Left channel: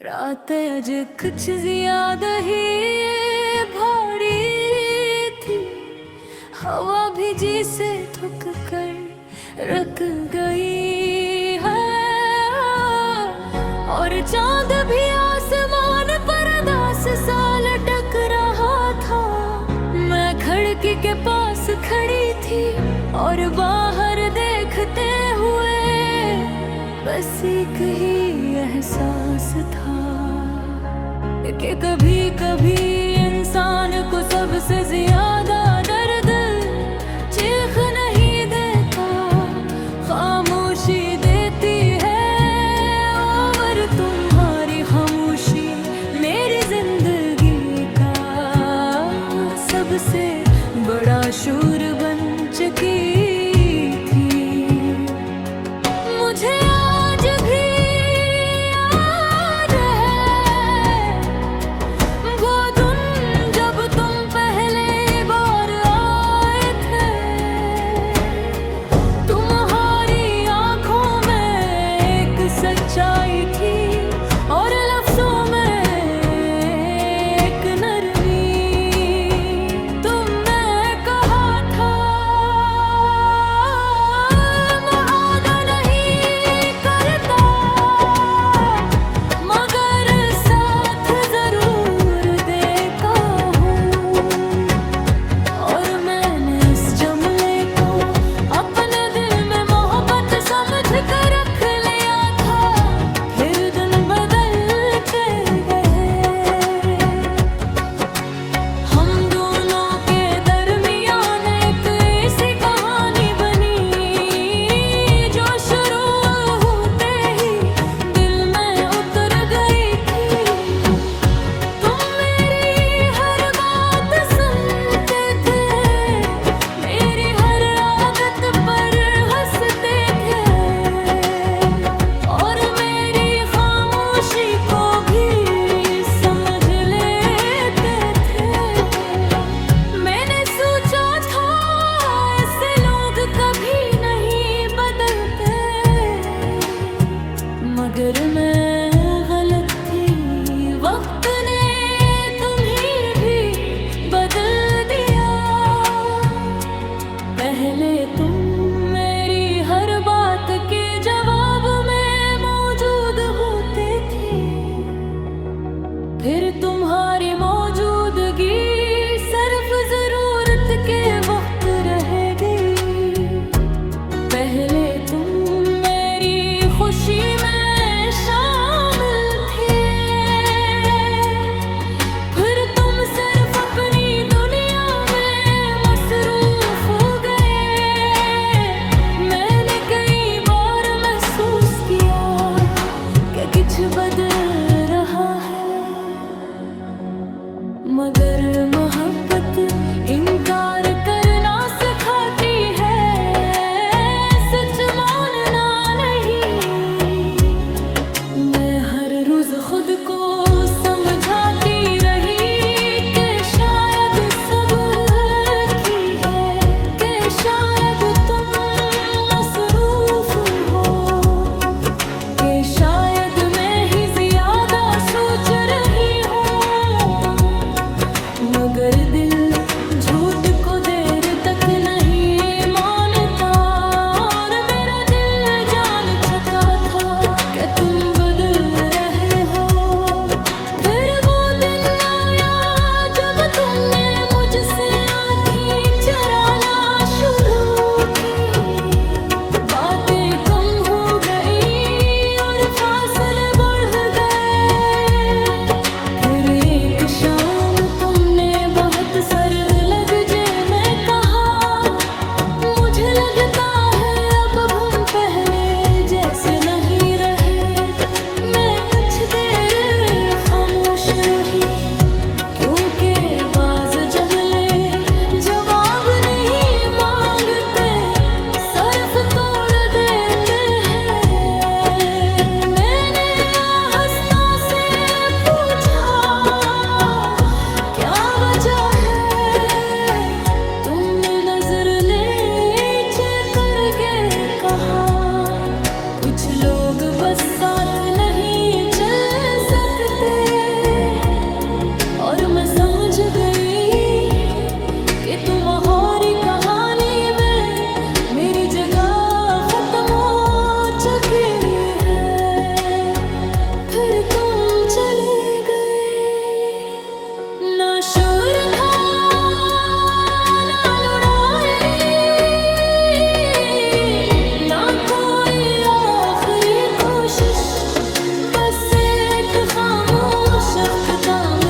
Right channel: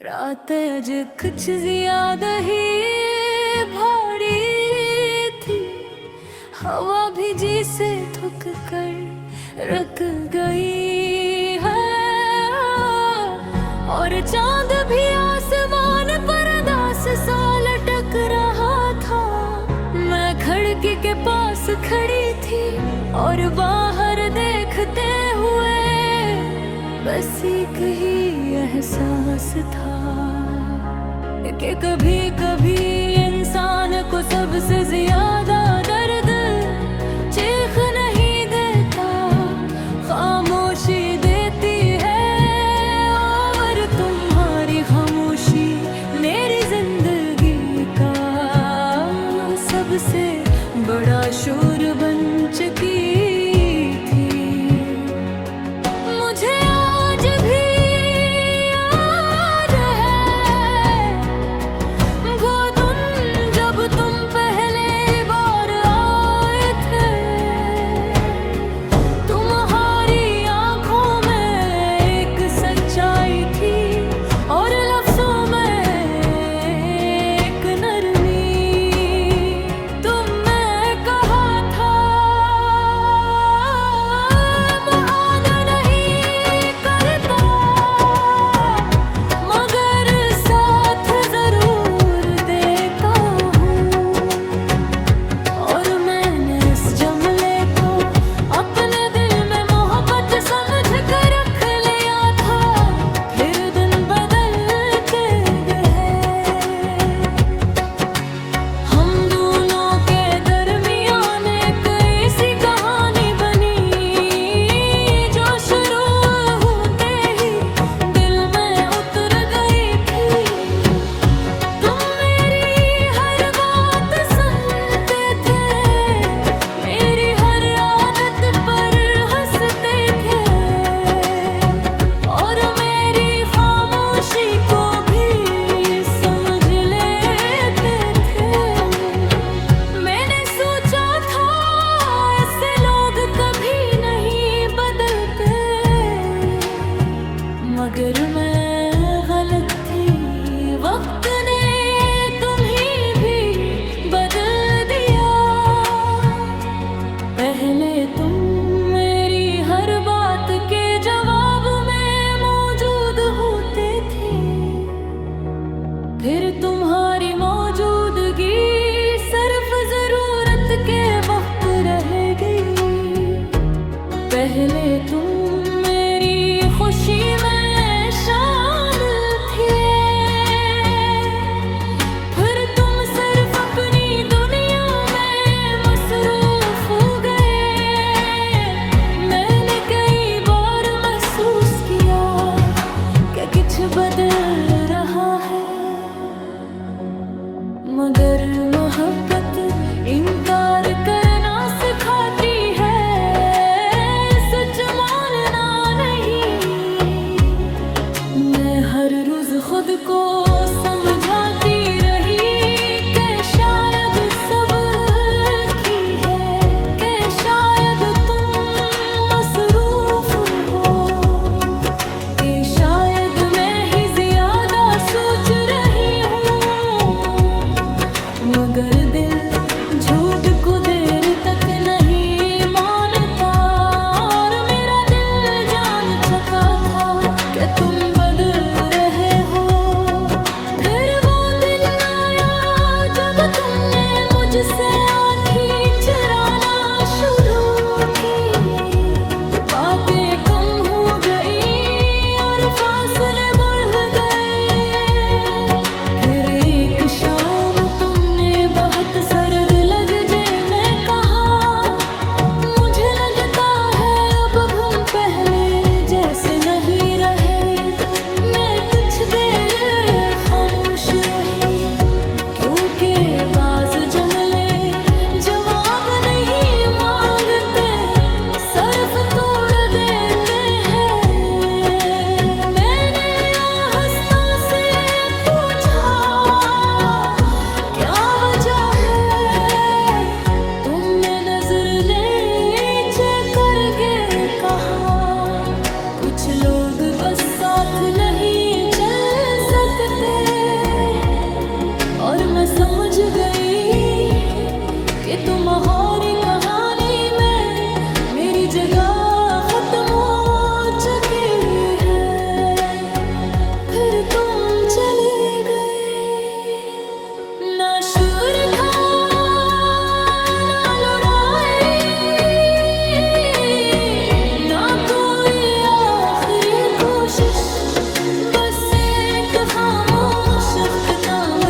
रात आज कुछ ज्यादा ही भारी थी। हवा भी जी से थक कर रख गई है और चांद भी आसमान पर दास सा लटक रहा था। मैं खिड़की के पास खड़ी थी और बाहर देखते हुए बस एक ही एहसास था कि कभी कभी इंसान को सबसे ज्यादा दर्द चीख नहीं देता, खामोशी देती है। और तुम्हारी खामोशी मेरी जिंदगी का सबसे बड़ा शोर बन चुकी थी। मुझे आज भी याद है वो दिन जब तुम पहले बार आए थे। तुम्हारी आंखों में एक सच्चाई थी और लफ्जों में एक नरमी। तुमने कहा था मैं वादा नहीं करता, मगर साथ जरूर देखा हूँ। और मैंने इस जुमले को अपने दिल में मोहब्बत समझ कर रख लिया था। फिर दिन बदलते गए, हम दोनों के दरमियान एक ऐसी कहानी बनी जो शुरू होते ही दिल में उतर गई थी। तुम मेरी हर बात सुनते थे, मेरी हर आदत पर हंसते थे और मेरी खामोशी को भी समझ लेते थे। मैंने सोचा था ऐसे लोग कभी नहीं बदलते, मगर मैं गलत थी। वक्त ने तुम्हें भी बदल दिया। पहले तुम मेरी हर बात के जवाब में मौजूद होते थे, फिर तुम्हारी मौजूदगी सिर्फ जरूरत के वक्त रहेगी। पहले तुम मेरी खुशी में शामिल थे, फिर तुम सिर्फ अपनी दुनिया में मसरूफ हो गए। मैंने कई बार महसूस किया कि कुछ बदल रहा है, मगर मोहब्बत इनकार करना सिखाती है, सच मानना नहीं। मैं हर रोज खुद को समझाती रही कि शायद सब की है, कि शायद तुम मसरूफ हो, कि शायद मैं ही ज्यादा सोच रही हूँ। मगर दिल झूठ को देर तक नहीं मानता और मेरा दिल जान चुका था कि तुम बदल रहे हो। फिर वो दिन आया और मैं समझ गई कि तुम्हारी कहानी में मेरी जगह खत्म हो चुकी है। फिर तुम चले गए, ना शुर था ना लड़ाई, ना कोई आखिरी कोशिश, बस एक खामोश अख्ताम